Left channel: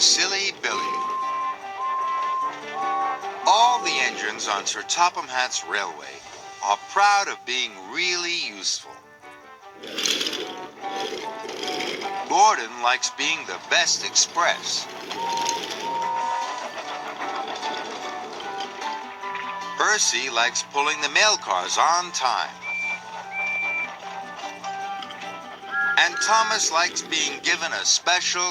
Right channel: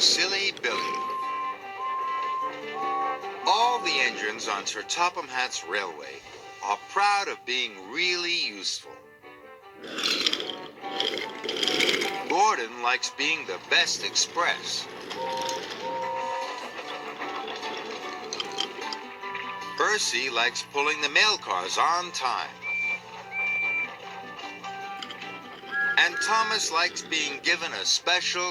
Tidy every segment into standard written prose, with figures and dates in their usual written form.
Silly Billy. All the engines on Sir Topham Hatt's railway are proud of being really useful. Gordon likes being the best express. Percy likes pulling the mail cars on time. And Thomas likes being given a special.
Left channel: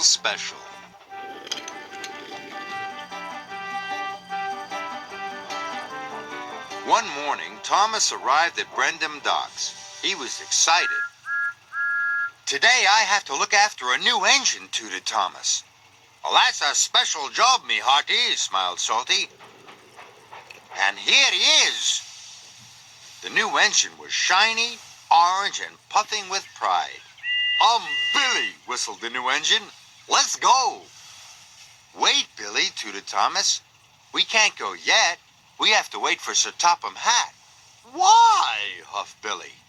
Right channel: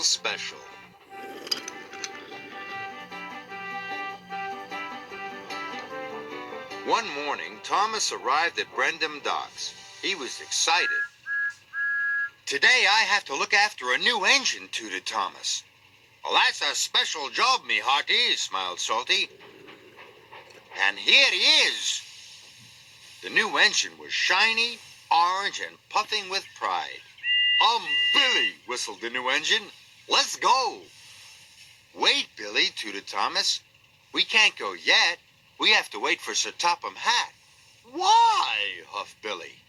One morning, Thomas arrived at Brendam Docks. He was excited. "Today I have to look after a new engine," tooted Thomas. "Well, that's a special job, me hearty," smiled Salty. And here he is. The new engine was shiny, orange, and puffing with pride. Billy," whistled the new engine. "Let's go." "Wait, Billy," tooted Thomas. "We can't go yet. We have to wait for Sir Topham Hatt." "Why?" huffed Billy.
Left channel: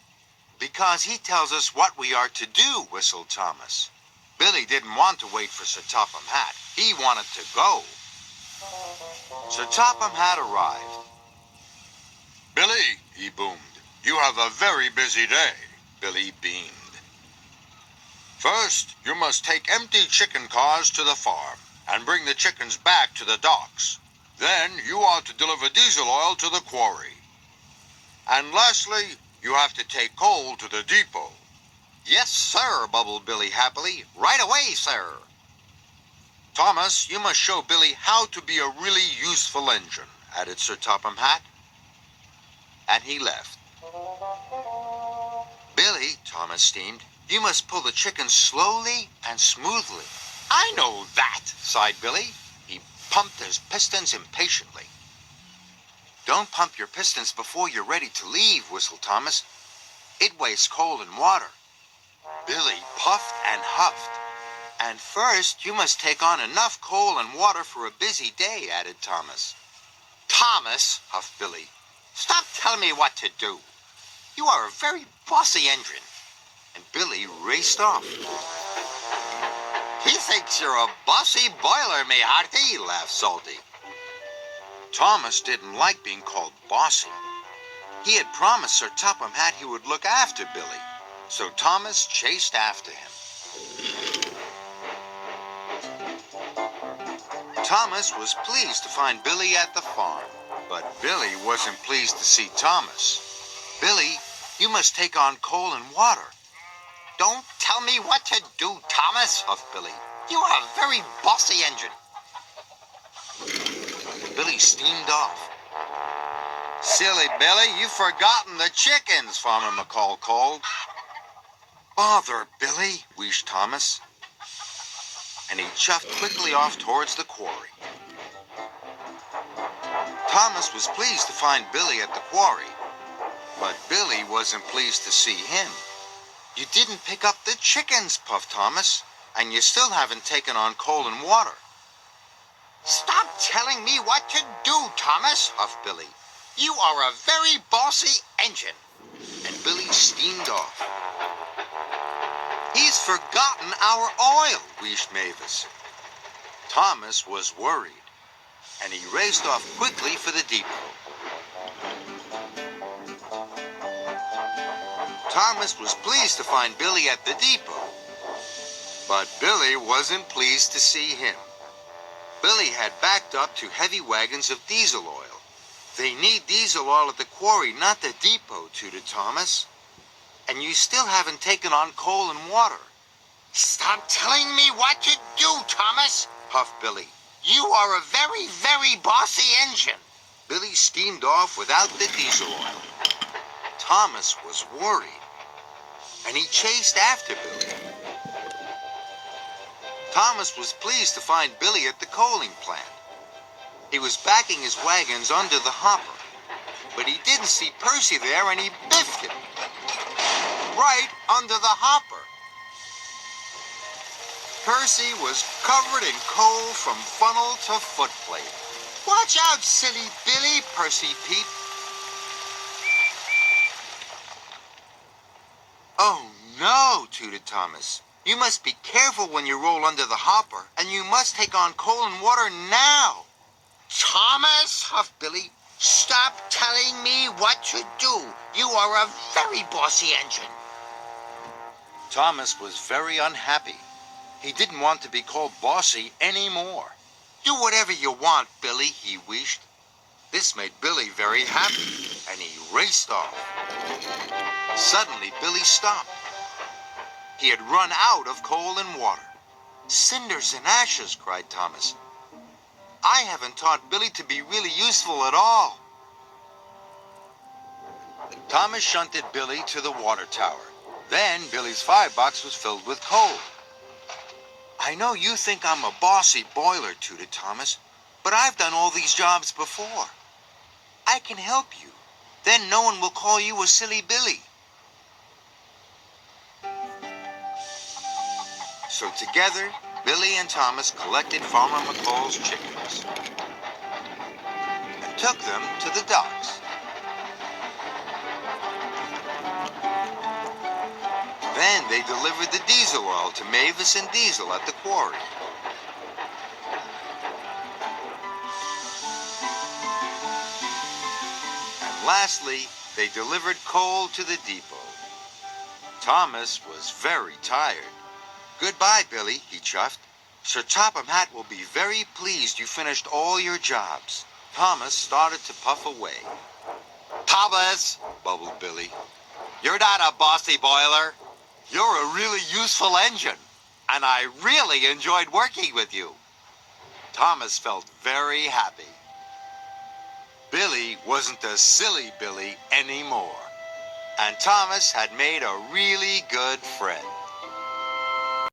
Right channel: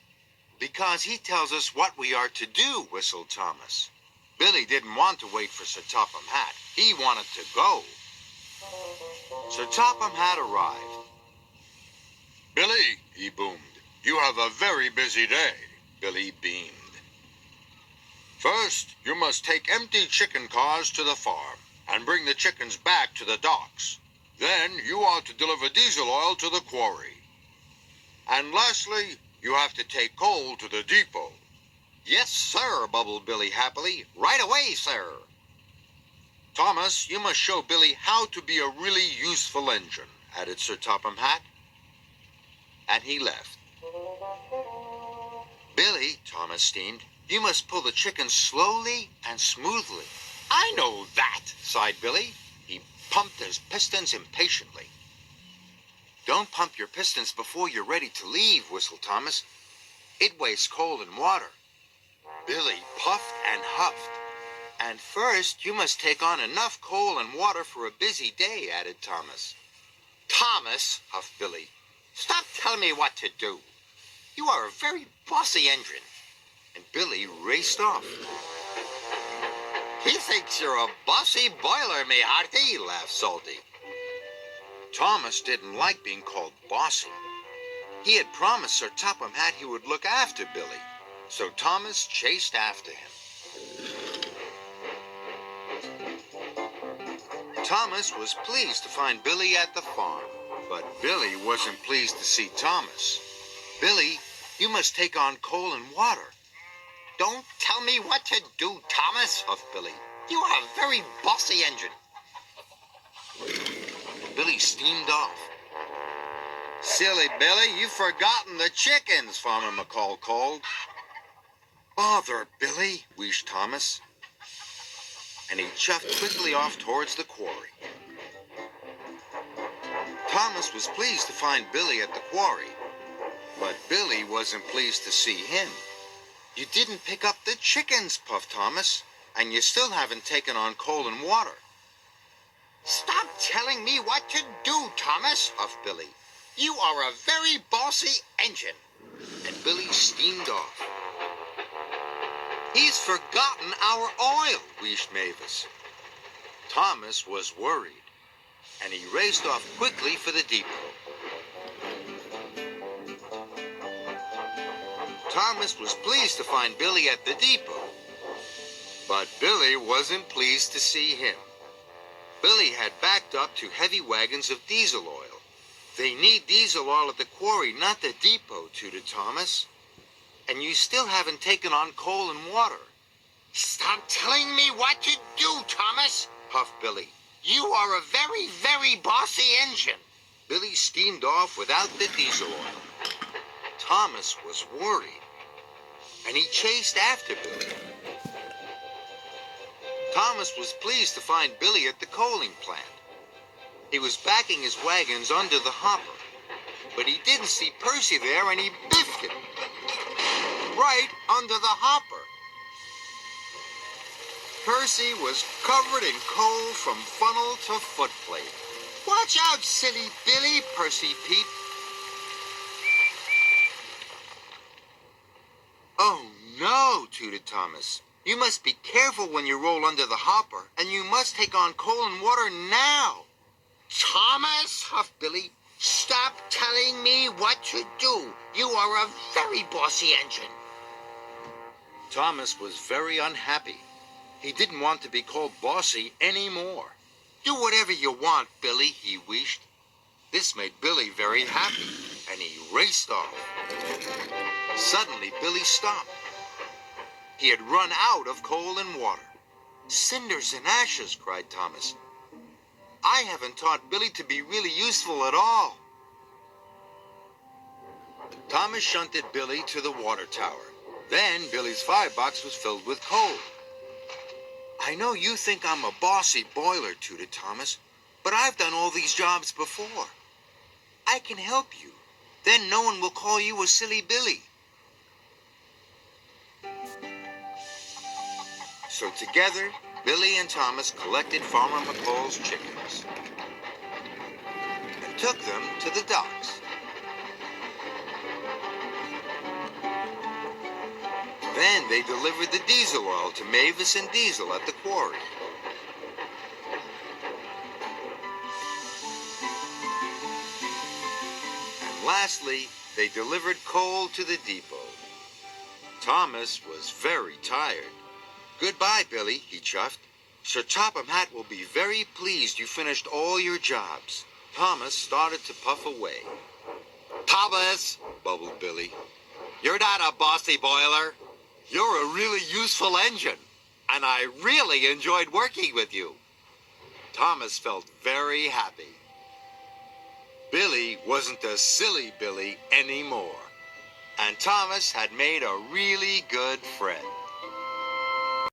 "Because he tells us what we are to do," whistled Thomas. Billy didn't want to wait for Sir Topham Hatt. He wanted to go. Sir Topham Hatt arrived. "Billy," he boomed, "you have a very busy day." Billy beamed. "First, you must take empty chicken cars to the farm and bring the chickens back to the docks. Then you are to deliver diesel oil to the quarry. And lastly, you have to take coal to the depot." "Yes, sir," bubbled Billy happily. "Right away, sir." "Thomas, you must show Billy how to be a really useful engine," added Sir Topham Hatt. And he left. "Billy," Thomas steamed, "you must pull the chickens slowly and smoothly." "I know that," sighed Billy. He pumped his pistons impatiently. "Don't pump your pistons before you're ready to leave," whistled Thomas. "It wastes coal and water." Billy puffed and huffed. "And first, you must take on enough coal and water for a busy day," added Thomas. "Thomas," huffed Billy, "stop telling me what to do. You are a very bossy engine." And Billy raced off. "He thinks you're a bossy boiler, me hearty," laughed Salty. Thomas didn't like being called bossy. He had promised Sir Topham Hatt he would look after Billy, so Thomas chased after him. Thomas was pleased to find Billy at the farm, but Billy wasn't pleased to see Thomas. "Billy, you must take on coal and water." "Don't tell me what to do, Thomas," huffed Billy. "You are a very bossy engine." Billy steamed off. "Silly Billy, you've forgotten the chickens," Farmer McCall called. "Bother, Billy," wheezed Thomas. And he chuffed quickly off towards the quarry. Thomas was pleased to find Billy at the quarry, but Billy wasn't pleased to see him. "You didn't pick up the chickens," puffed Thomas, "and you still haven't taken on coal and water." "Stop telling me what to do, Thomas," huffed Billy. "You are a very bossy engine." And Billy steamed off. "He's forgotten our oil," wheezed Mavis. Thomas was worried, and he raced off quickly for the depot. Thomas was pleased to find Billy at the depot, but Billy wasn't pleased to see him. Billy had backed up to heavy wagons of diesel oil. "They need diesel oil at the quarry, not the depot," tooted Thomas. "And you still haven't taken on coal and water." "Stop telling me what to do, Thomas," puffed Billy. "You are a very, very bossy engine." Billy steamed off without the diesel oil. Thomas was worried, and he chased after Billy. Thomas was pleased to find Billy at the coaling plant. He was backing his wagons under the hopper, but he didn't see Percy there, and he biffed him right under the hopper. Percy was covered in coal from funnel to footplate. "Watch out, silly Billy," Percy peeped. "Oh, no," tooted Thomas. You must be careful when you roll under the hopper, and you must take on coal and water now. Thomas, huffed Billy, stop telling me what to do. You are a very bossy engine. Thomas was very unhappy. He didn't want to be called bossy anymore. Do whatever you want, Billy, he wished. This made Billy very happy, and he raced off. Suddenly, Billy stopped. He had run out of coal and water. Cinders and ashes, cried Thomas. I haven't taught Billy to be really useful at all. Thomas shunted Billy to the water tower. Then Billy's firebox was filled with coal. I know you think I'm a bossy boiler, tooted Thomas, but I've done all these jobs before. I can help you. Then no one will call you a silly Billy. So together, Billy and Thomas collected Farmer McCall's chickens and took them to the docks. Then they delivered the diesel oil to Mavis and Diesel at the quarry. And lastly, they delivered coal to the depot. Thomas was very tired. Goodbye, Billy, he chuffed. Sir Topham Hatt will be very pleased you finished all your jobs. Thomas started to puff away. Thomas, bubbled Billy, you're not a bossy boiler. You're a really useful engine, and I really enjoyed working with you. Thomas felt very happy. Billy wasn't a silly Billy anymore, and Thomas had made a really good friend.